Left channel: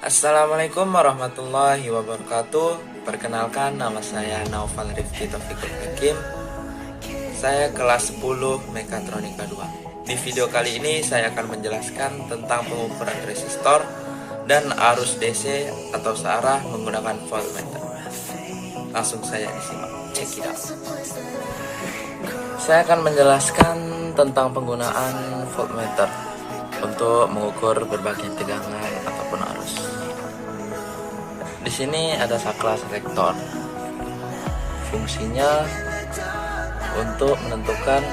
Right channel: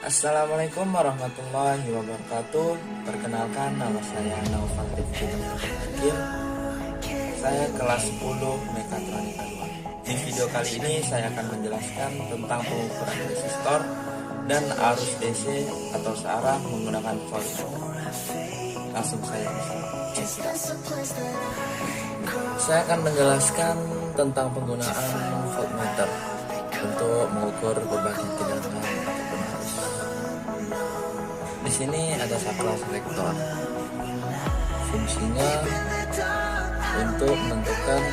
Assalamualaikum warahmatullahi wabarakatuh. Perkenalkan, nama saya Naufal Rifki Taufikul Hakim. Saya kelas 10 Mekatronika 2. Di video kali ini saya akan menjelaskan tentang pengukuran resistor dan arus DC atau searah menggunakan voltmeter. Langsung saya disimak. Check it out. Saya akan menjelaskan tentang penggunaan voltmeter untuk mengukur berbagai tegangan ataupun arus. Di sini ada saklar selektor. Fungsinya untuk menentukan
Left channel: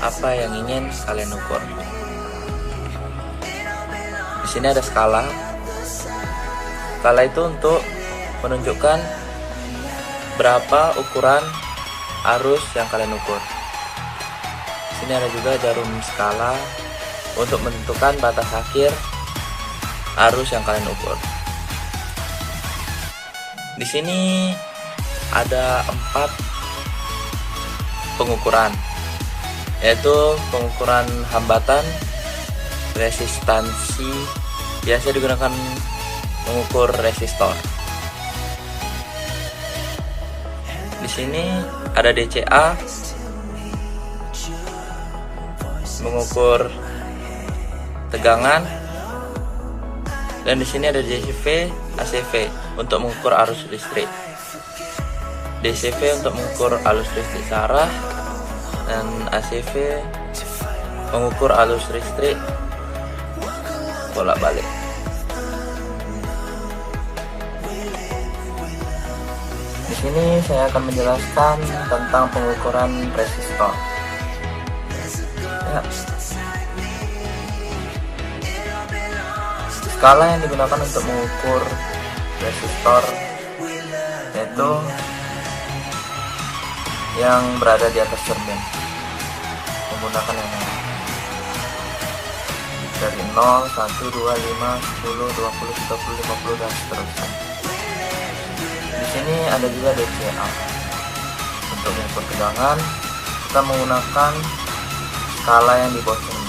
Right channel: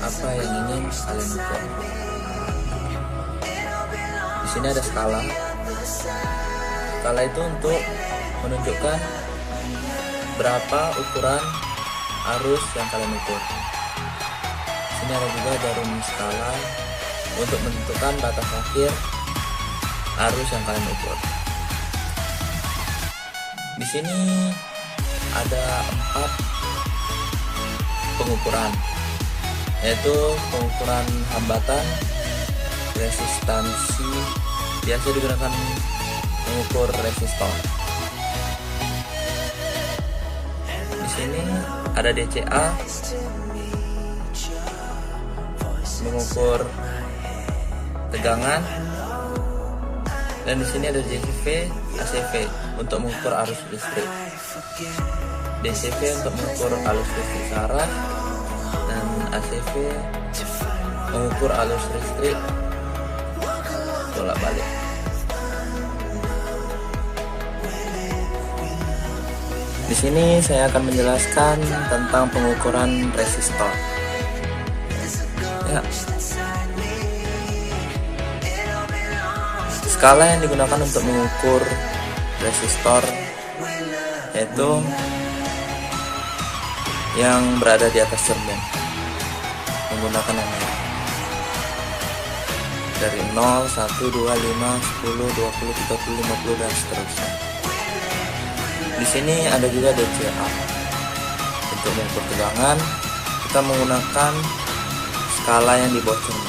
apa yang ingin kalian ukur. Di sini ada skala. Skala itu untuk menunjukkan berapa ukuran arus yang kalian ukur. Di sini ada juga jarum skala untuk menentukan batas akhir arus yang kalian ukur. Di sini ada 4 pengukuran, yaitu pengukuran hambatan, resistansi, biasa digunakan mengukur resistor. Di sini ada DCA, mengukur tegangan, dan di sini ada DCV, ACV untuk mengukur arus listrik. DCV untuk mengukur arus listrik searah, dan ACV mengukur arus listrik bolak-balik. Di sini saya akan menjelaskan tentang pengukuran resistor. Ya. Skala yang digunakan untuk mengukur resistor yaitu yang berada di atas cermin, menggunakan yang dari 0, 1, 2, 5, 10, 20, 30, 50 dan seterusnya. Di sini ada juga DCA. Untuk mengukur tegangan, kita menggunakan skala yang di bawah cermin.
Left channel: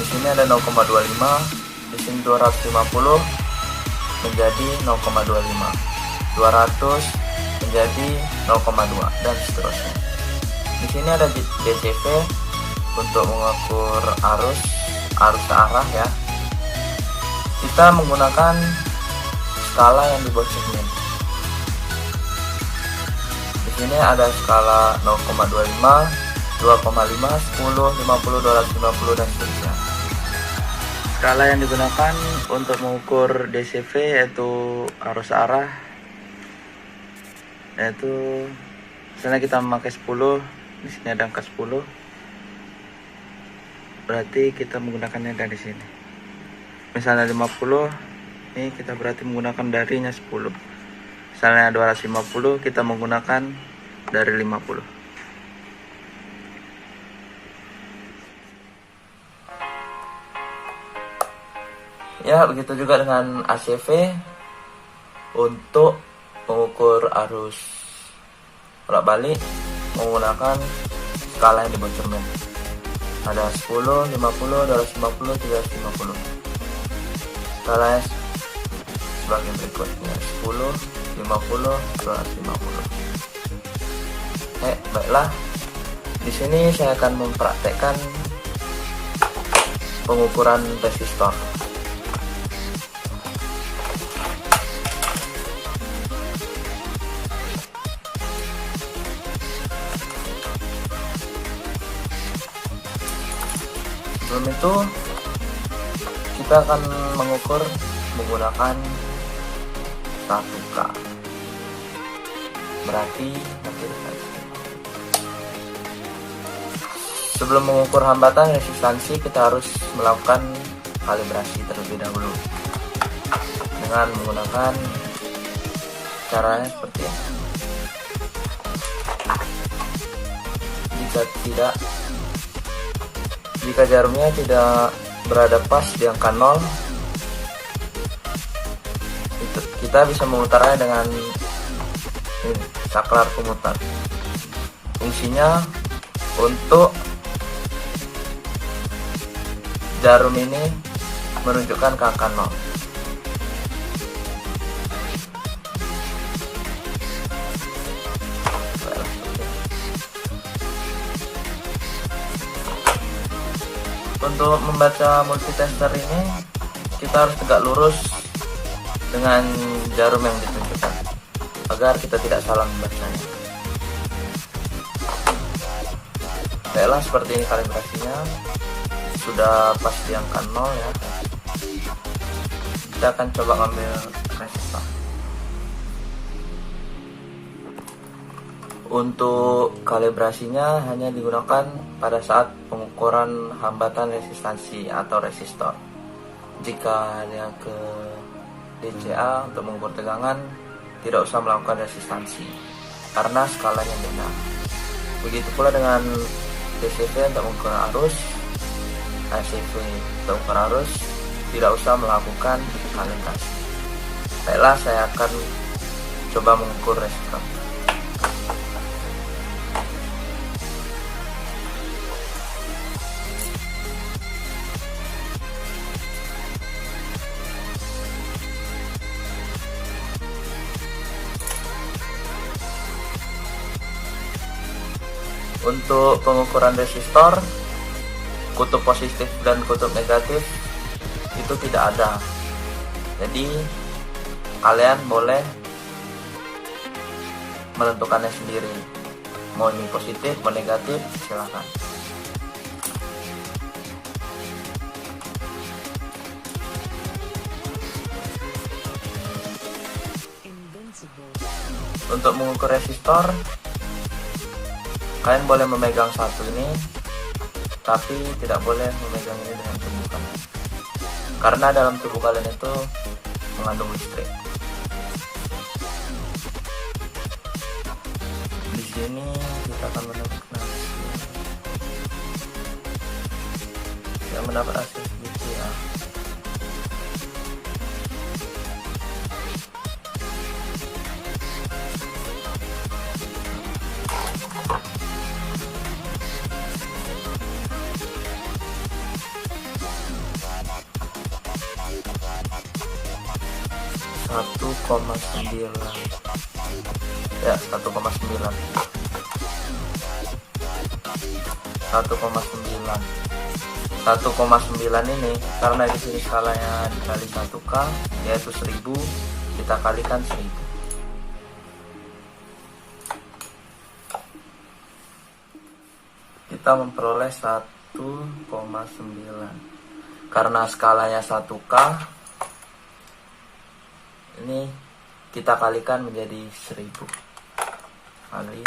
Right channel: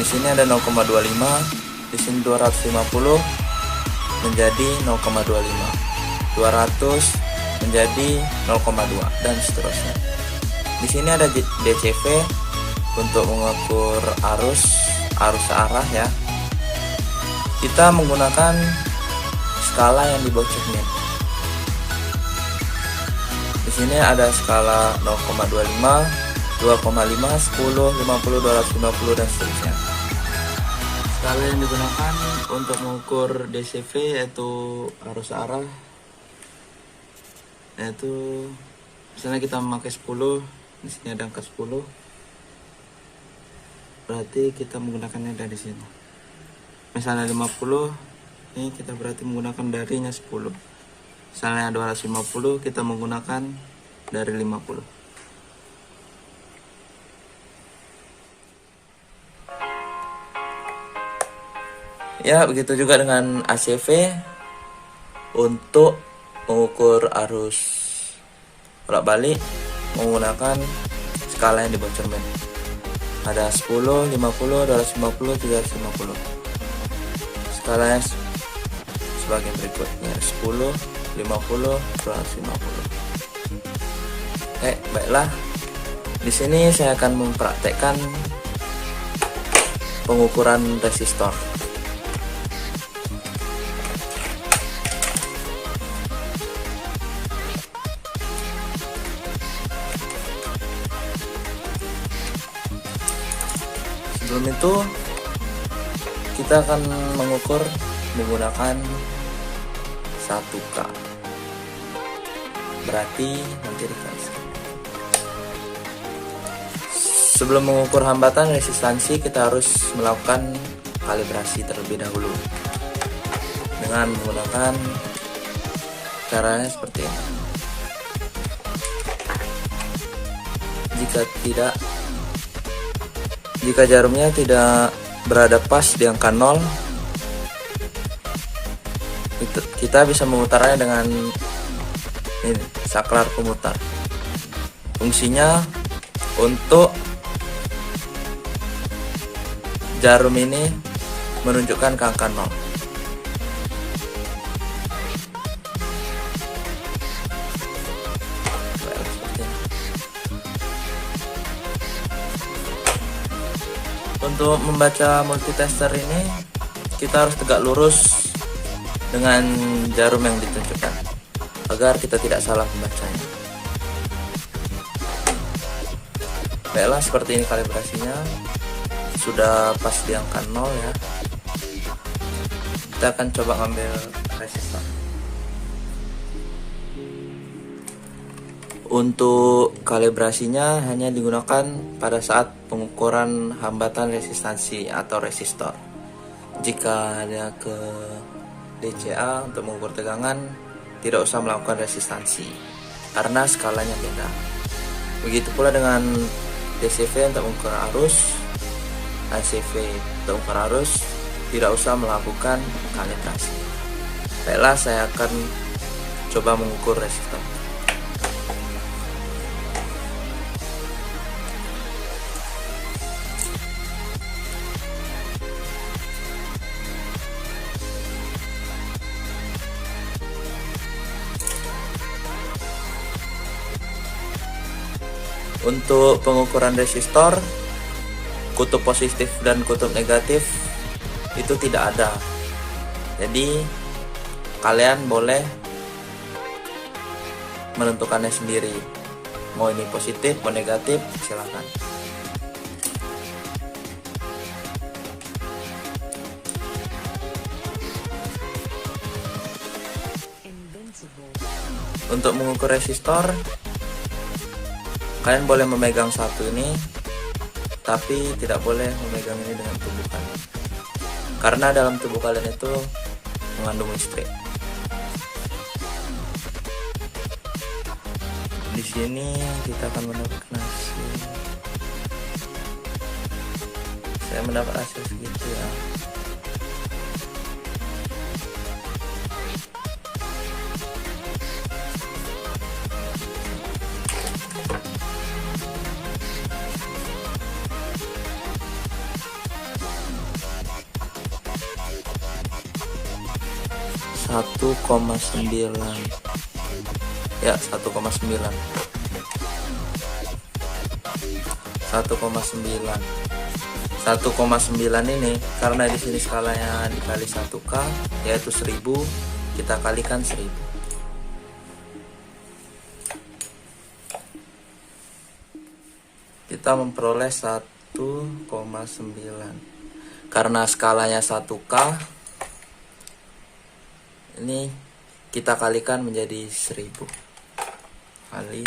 Di sini ada 0,25, di sini 250 menjadi 0,25, 200 menjadi 0,2 dan seterusnya. Di sini ada DCV untuk mengukur arus searah ya. Kita menggunakan skala yang di bawah cermin. Di sini ada skala 0,25, 2,5, 10, 50, 250 dan seterusnya. Skala yang digunakan untuk mengukur DCV yaitu arus arah, yaitu misalnya kita memakai 10, di sini ada angka 10, berarti kita menggunakannya dari sini. Misalnya 50, ini kita berarti menggunakan darinya 10. Misalnya 250, kita menggunakan dari 50. Ya, begitu juga dengan ACV untuk mengukur arus bolak-balik menggunakan skala yang di bawah cermin. Ada 10, 50, 250, 350. Skalanya sebagai berikutnya 10, 50, 250. Baiklah. Di sini saya akan mempraktekkan pengukuran resistor. Sebelum itu kita akan mengukur menggunakan 1K. Berarti nanti dikasih. Sebelum mengukur hambatan resistansi, kita harus melakukan kalibrasi terlebih dahulu dengan menggunakan caranya seperti ini. Jika jarumnya tidak berada pas di angka 0, kita bisa memutarnya dengan ini, saklar pemutar. Fungsinya untuk jarum ini menunjukkan ke angka 0. Untuk membaca multitester ini kita harus tegak lurus dengan jarum yang ditunjukkan agar kita tidak salah membacanya. Baiklah, seperti ini kalibrasinya, sudah pas di angka 0 ya. Kita akan coba ambil resistor. Untuk kalibrasinya hanya digunakan pada saat pengukuran hambatan resistansi atau resistor. Jika ada ke DCA untuk mengukur tegangan, tidak usah melakukan resistansi karena skalanya beda. Begitu pula dengan DCV untuk mengukur arus, ACV untuk mengukur arus, tidak usah melakukan kalibrasi. Baiklah, saya akan coba mengukur resistor. Untuk pengukuran resistor, kutub positif dan kutub negatif itu tidak ada. Jadi kalian boleh menentukannya sendiri. Mau ini positif, mau negatif, silakan. Untuk mengukur resistor, kalian boleh memegang satu ini, tapi tidak boleh memegang ini dengan tubuh kalian, karena dalam tubuh kalian itu mengandung listrik. Di sini kita akan menekan hasil. Saya mendapat hasil segitu ya. Satu koma 9 ya, 1,9 ini karena di sini skalanya dikali 1K yaitu 1000, kita kalikan 1000. Kita memperoleh 1,9. Karena skalanya 1K, ini kita kalikan menjadi 1000 kali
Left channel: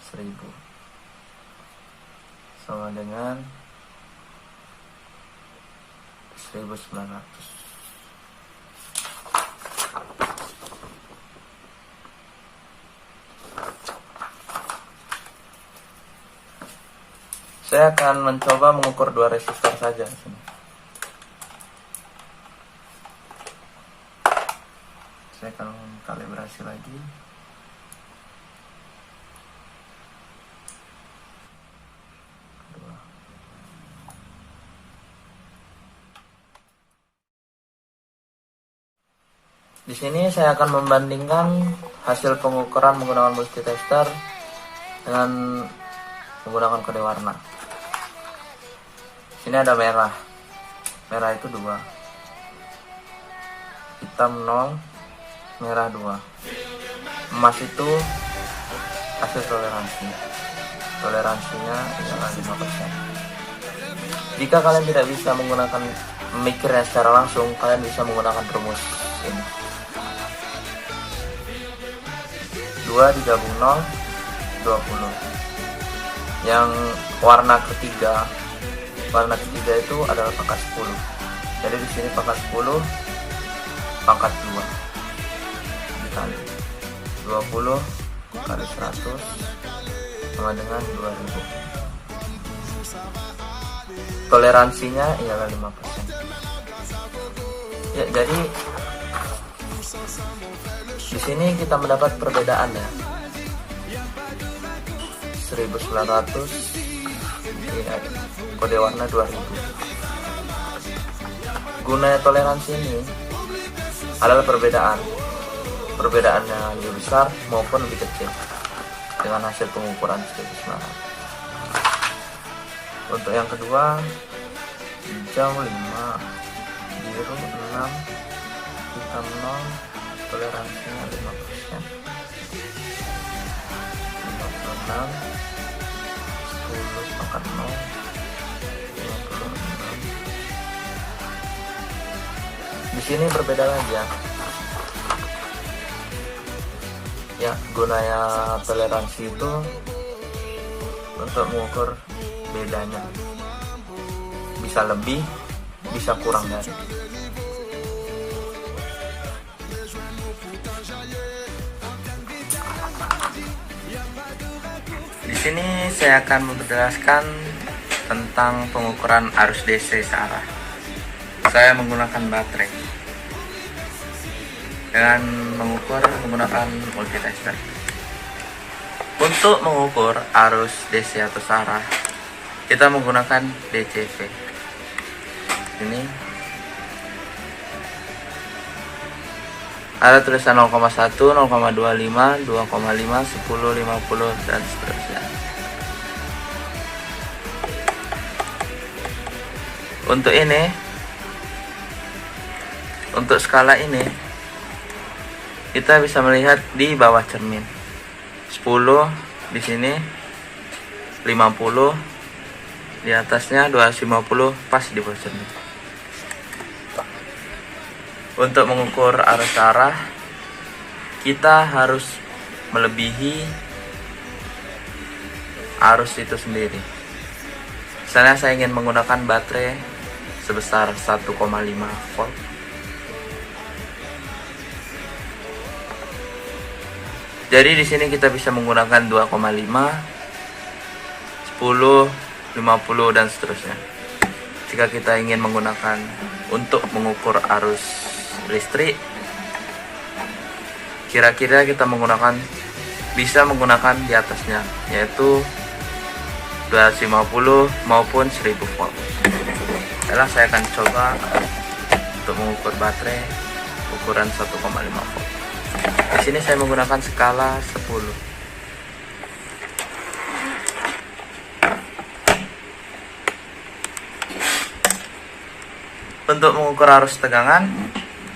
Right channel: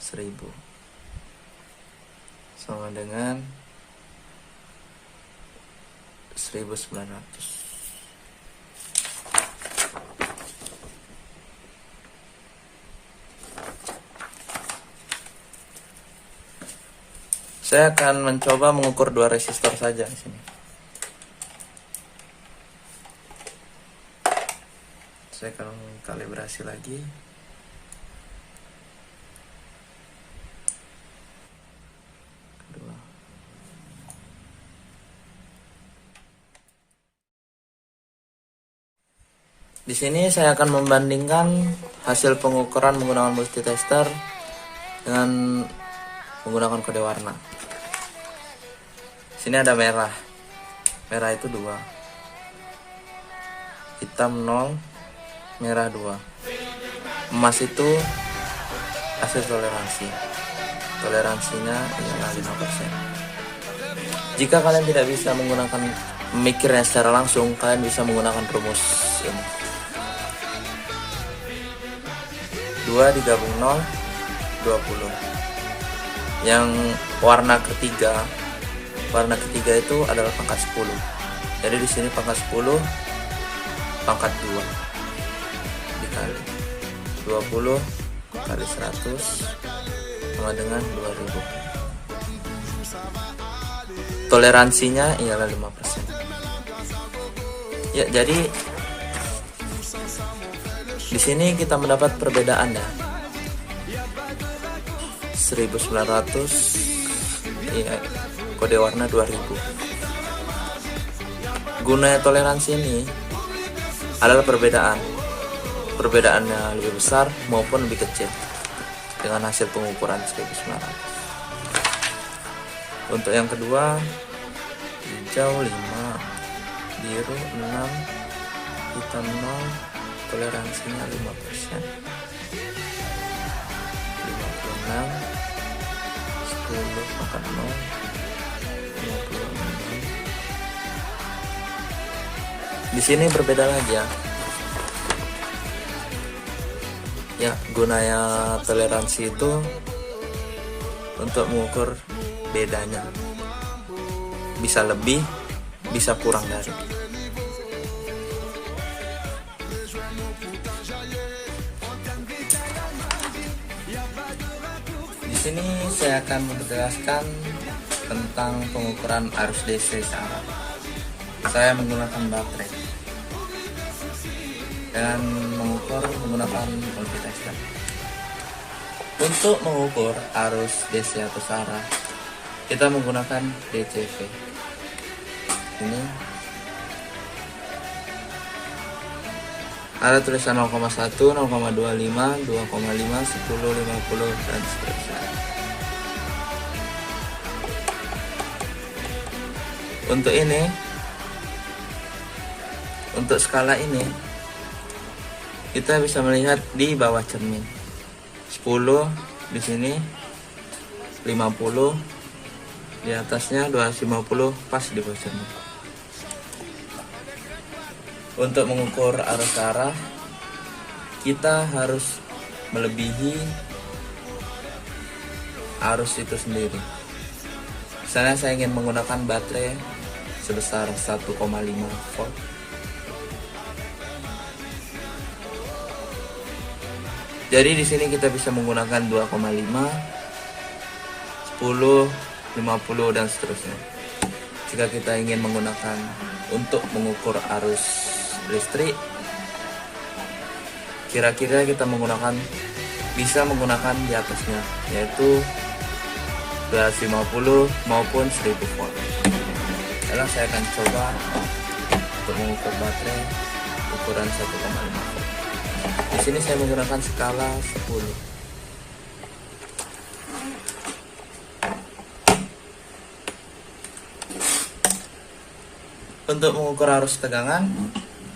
1000 sama dengan 1900. Saya akan mencoba mengukur 2 resistor saja di sini. Saya akan kalibrasi lagi. Di sini saya akan membandingkan hasil pengukuran menggunakan multitester dengan menggunakan kode warna. Sini ada merah. Merah itu 2. Hitam 0, merah 2. Emas itu hasil toleransi. Toleransinya ialah 5%. Jika kalian tidak bisa menggunakan memikirnya secara langsung, kalian bisa menggunakan rumus ini. 2 digabung 0, 20. Yang warna ketiga itu adalah pangkat 10. Jadi di sini pangkat 10 pangkat 2 dikali 20 kali 100 sama dengan 2000. Toleransinya ialah 5%. Ya, jadi di sini kita mendapat perbedaan ya. 1900 ya, kode warna 2000. gunanya toleransi ini adalah perbedaannya lebih besar maupun lebih kecil dengan hasil pengukuran 1900. Untuk yang kedua, hijau 5, biru 6, hitam 0, toleransinya 5%. 56, 10 pangkat 0, 56. Di sini berbeda lagi ya. Ya, gunanya toleransi itu untuk mengukur bedanya. Bisa lebih, bisa kurang dari. Di sini saya akan menjelaskan tentang pengukuran arus DC searah. Saya menggunakan baterai dengan menggunakan multitester. Untuk mengukur arus DC atau searah, kita menggunakan DCV. Ini ada tulisan 0,1, 0,25, 2,5, 10, 50 dan seterusnya. Untuk skala ini kita bisa melihat di bawah cermin. 10 di sini, 50 di atasnya, 250 pas di bawah cermin. Untuk mengukur arus searah, kita harus melebihi arus itu sendiri. Misalnya saya ingin menggunakan baterai sebesar 1,5 volt. Jadi di sini kita bisa menggunakan 2,5, 10, 50 dan seterusnya. Jika kita ingin menggunakan untuk mengukur arus listrik, kira-kira kita bisa menggunakan di atasnya, yaitu 250 maupun 1000 volt. Sekarang saya akan coba untuk mengukur baterai ukuran 1,5 volt. Di sini saya menggunakan skala 10. Untuk mengukur arus tegangan,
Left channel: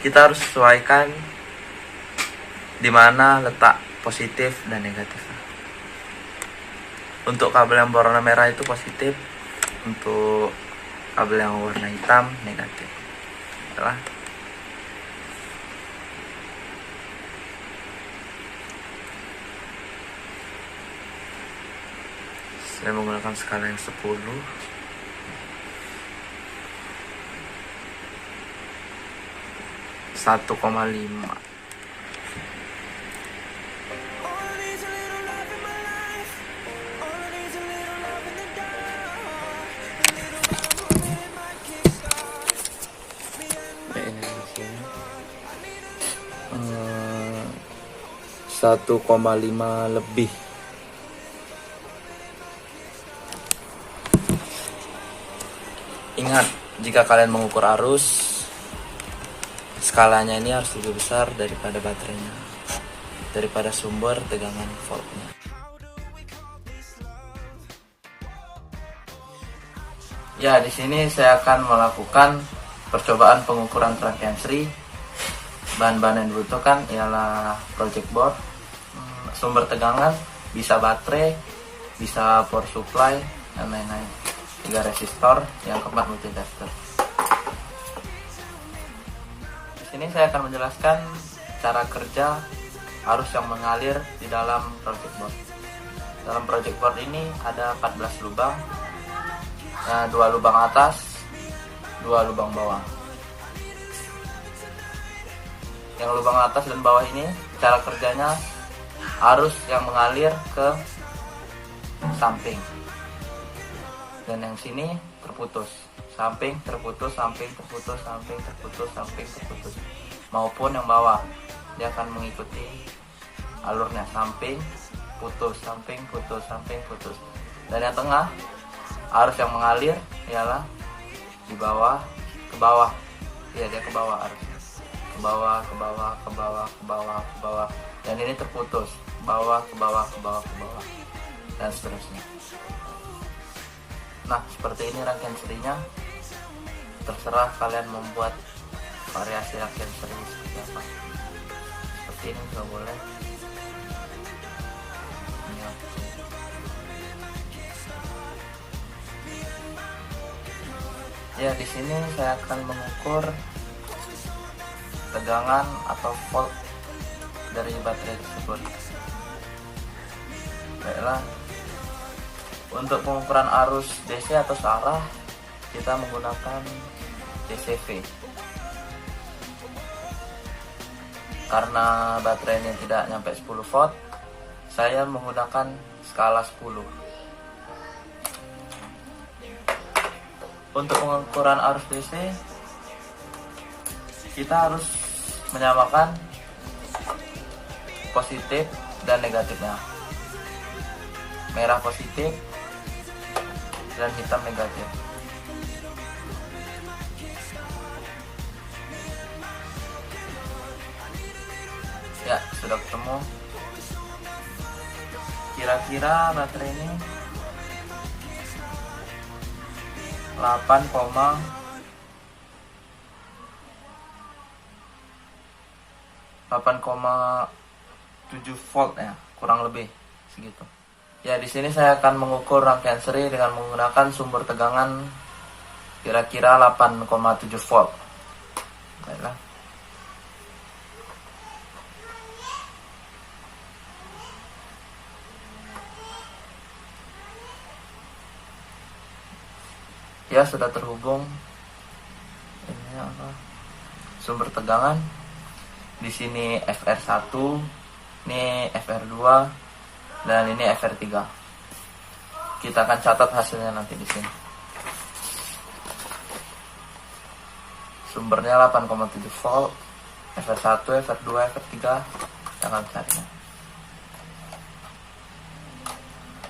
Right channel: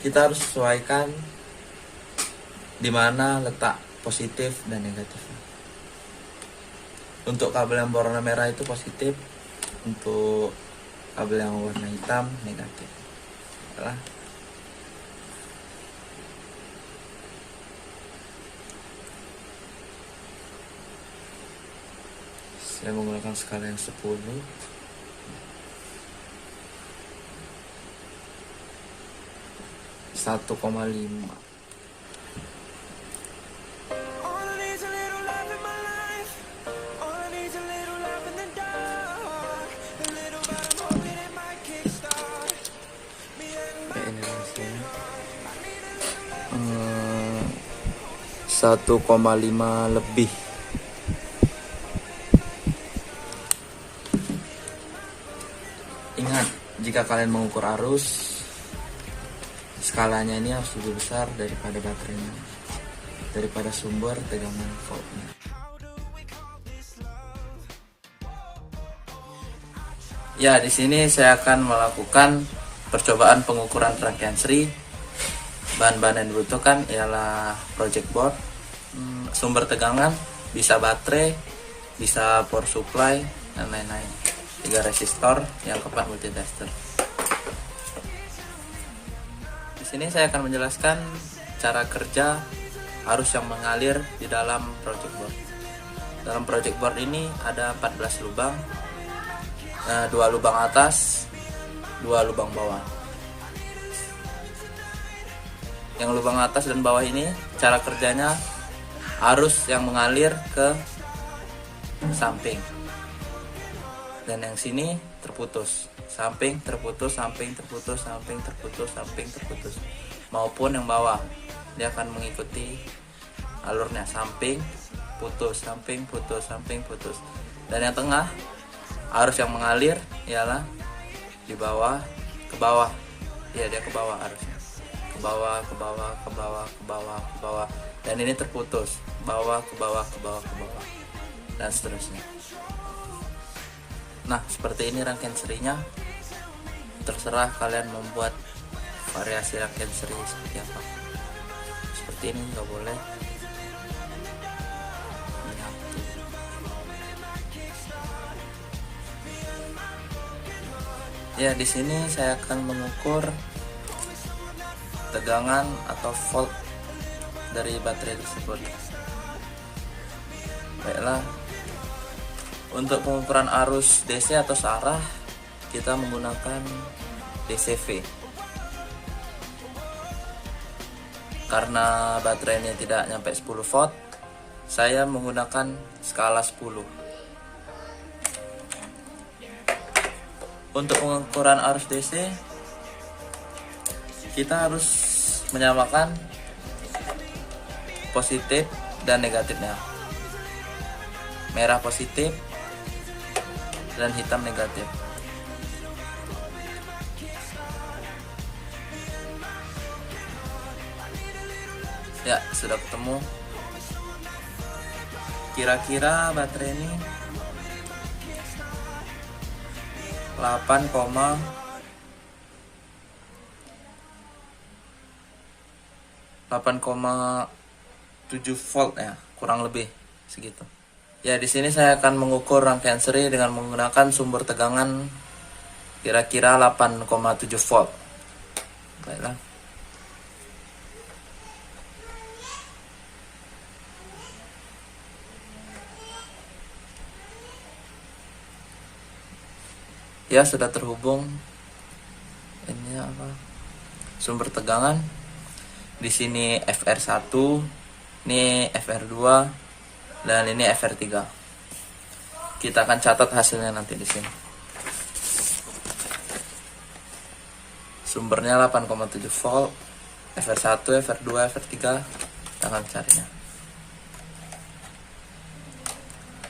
kita harus sesuaikan di mana letak positif dan negatif. Untuk kabel yang berwarna merah itu positif, untuk kabel yang warna hitam negatif. Salah. Saya menggunakan skala yang 10. Satu koma lima. Ini hasilnya 1,5 lebih. Ingat, jika kalian mengukur arus, skalanya ini harus lebih besar daripada baterainya, daripada sumber tegangan voltnya. Ya, di sini saya akan melakukan percobaan pengukuran rangkaian seri. Bahan-bahan yang dibutuhkan ialah project board, sumber tegangan, bisa baterai, bisa power supply, dan lain-lain. 3 resistor, yang keempat multitester. Di sini saya akan menjelaskan cara kerja arus yang mengalir di dalam project board. Dalam project board ini ada 14 lubang, 2 lubang atas, 2 lubang bawah. Yang lubang atas dan bawah ini cara kerjanya arus yang mengalir ke samping, dan yang sini terputus, samping terputus, samping terputus, samping terputus, samping terputus. Maupun yang bawah, dia akan mengikuti alurnya, samping putus, samping putus, samping putus. Dan yang tengah, arus yang mengalir ialah di bawah ke bawah, ya dia ke bawah arusnya, ke bawah, ke bawah, ke bawah, ke bawah, ke bawah, dan ini terputus, bawah, ke bawah, ke bawah, ke bawah, dan seterusnya. Nah, seperti ini rangkaian serinya. Terserah kalian membuat variasi rangkaian seri seperti apa. Seperti ini juga boleh. Ya, di sini saya akan mengukur tegangan atau volt dari baterai tersebut. Baiklah, untuk pengukuran arus DC atau searah kita menggunakan DCV. Karena baterainya tidak nyampe 10 volt, saya menggunakan skala 10. Untuk pengukuran arus DC, kita harus menyamakan positif dan negatifnya. Merah positif dan hitam negatif. Ya, sudah ketemu. Kira-kira baterai ini 8,7 volt ya, kurang lebih segitu. Ya, di sini saya akan mengukur rangkaian seri dengan menggunakan sumber tegangan kira-kira 8,7 volt. Baiklah. Ya, sudah terhubung. Ini apa? Sumber tegangan. Di sini FR1, ini FR2, dan ini FR3. Kita akan catat hasilnya nanti di sini. Sumbernya 8,7 volt, FR1, FR2, FR3. Kita akan carinya.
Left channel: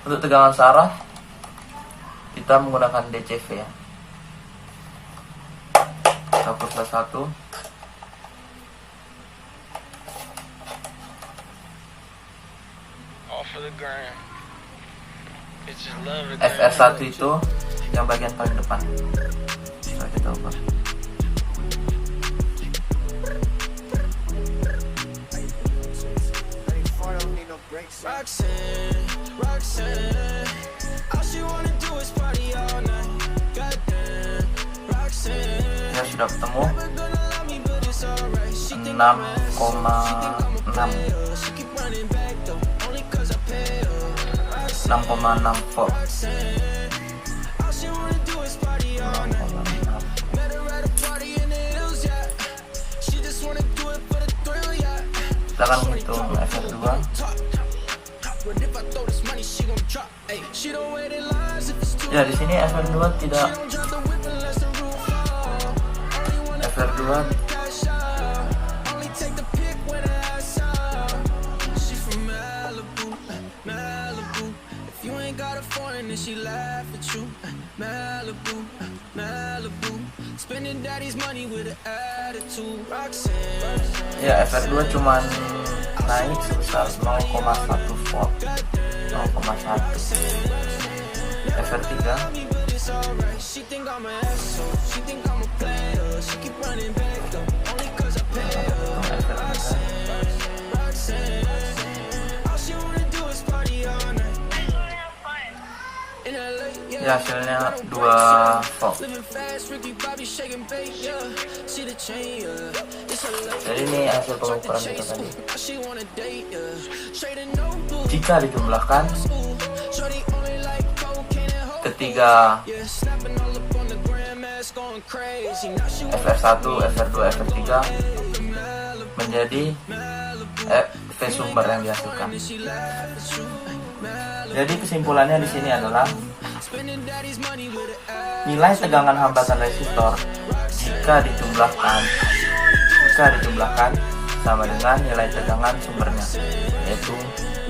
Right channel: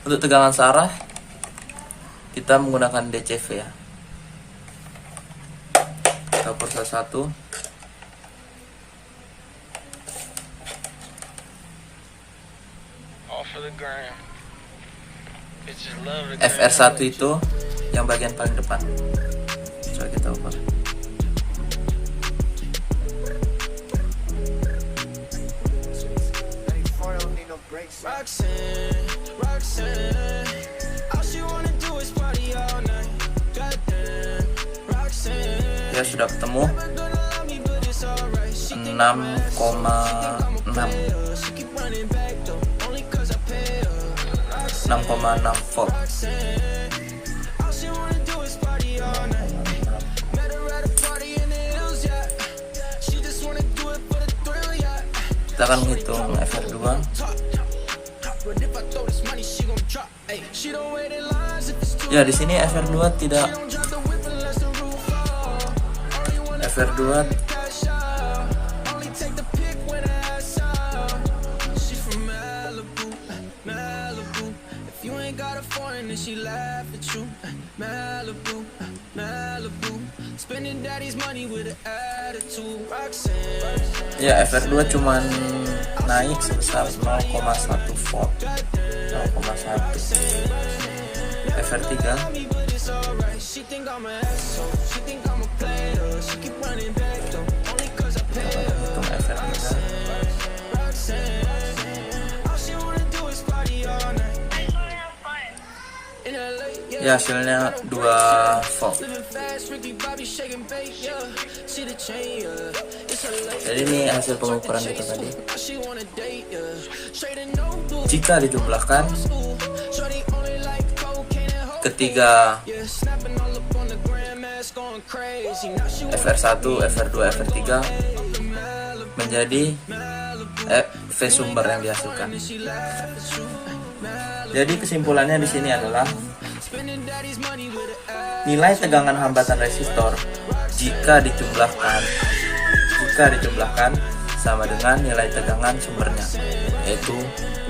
Untuk tegangan searah, kita menggunakan DCV ya. Kita ukur satu. FR1 itu yang bagian paling depan. Coba kita ukur. Ya, sudah ketemu 6,6 volt. Kita akan menghitung FR2. Ya, di sini FR2 tidak. FR2 ya, FR2 cuman naik sebesar 0,1 volt, 0,1. FR3 ya, hasilnya 2 volt. Jadi ini hasil pengukuran kita tadi. Jika dijumlahkan ketiga FR1, FR2, FR3 menjadi V sumber yang dihasilkan. Jadi kesimpulannya di sini adalah nilai tegangan hambatan resistor jika dijumlahkan sama dengan nilai tegangan sumbernya, yaitu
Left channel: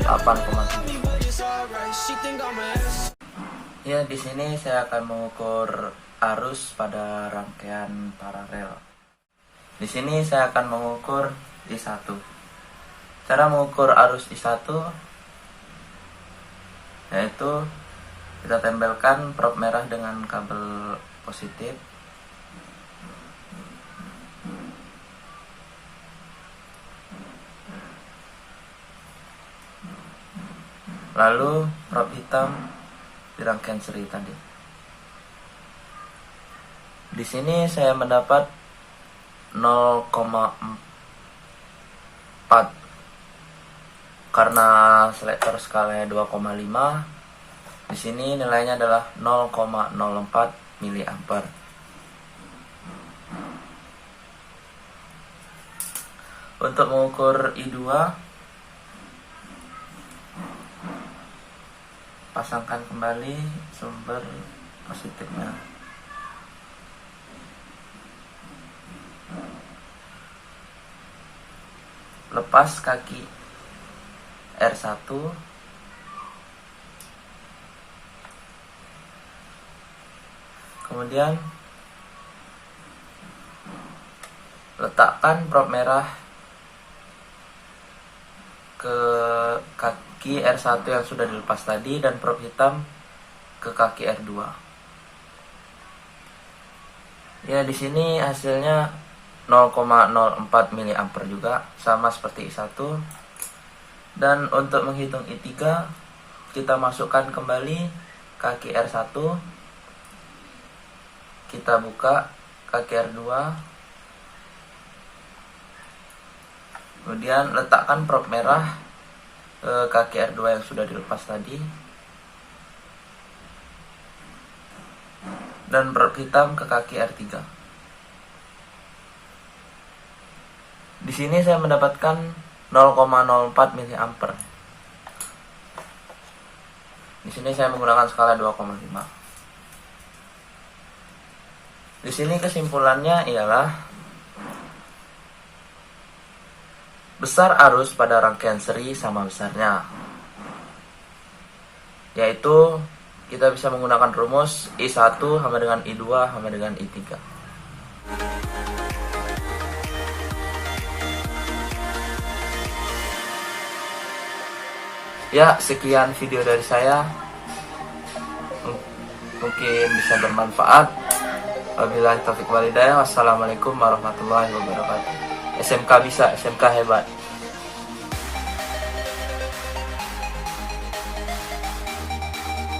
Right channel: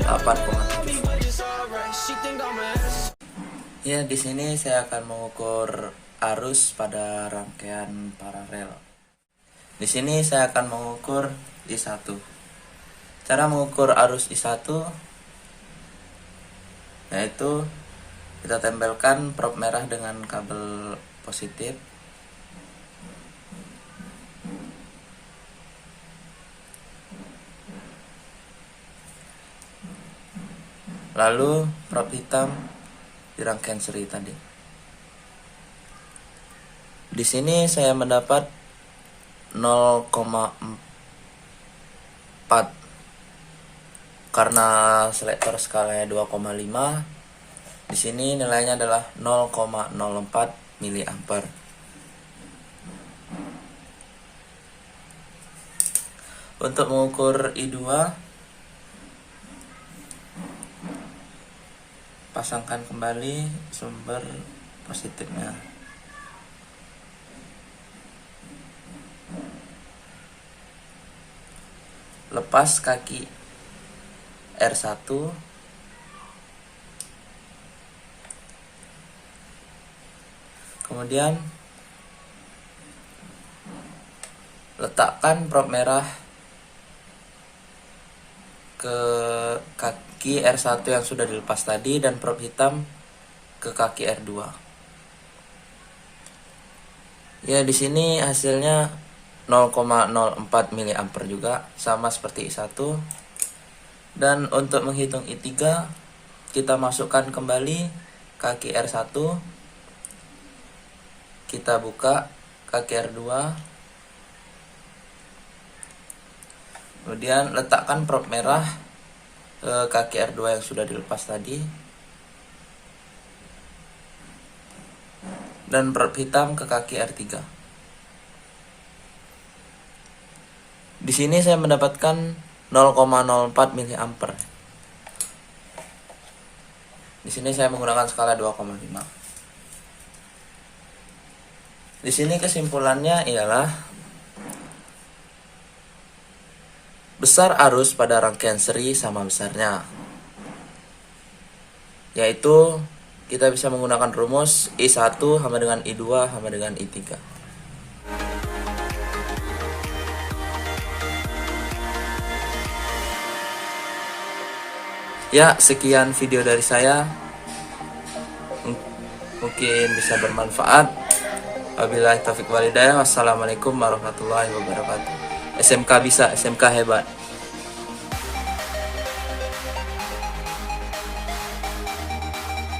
8,7. Ya, di sini saya akan mengukur arus pada rangkaian paralel. Di sini saya akan mengukur I1. Cara mengukur arus I1 yaitu kita tempelkan prop merah dengan kabel positif. Lalu prop hitam di rangkaian seri tadi. Di sini saya mendapat 0,4 karena selektor skalanya 2,5. Di sini nilainya adalah 0,04 mA. Untuk mengukur I2, pasangkan kembali sumber positifnya. Lepas kaki R1. Kemudian letakkan prop merah ke kaki R1 yang sudah dilepas tadi dan prop hitam ke kaki R2. Ya, di sini hasilnya 0,04 mA juga, sama seperti I1. Dan untuk menghitung I3, kita masukkan kembali kaki R1, kita buka kaki R2, kemudian letakkan prop merah ke kaki R2 yang sudah dilepas tadi, dan prop hitam ke kaki R3. Di sini saya mendapatkan 0,04 mA. Di sini saya menggunakan skala 2,5. Di sini kesimpulannya ialah besar arus pada rangkaian seri sama besarnya, yaitu kita bisa menggunakan rumus I1 sama dengan I2 sama dengan I3. Ya, sekian video dari saya. Mungkin bisa bermanfaat. Wabillahi taufiq walhidayah. Wassalamualaikum warahmatullahi wabarakatuh. SMK bisa, SMK hebat.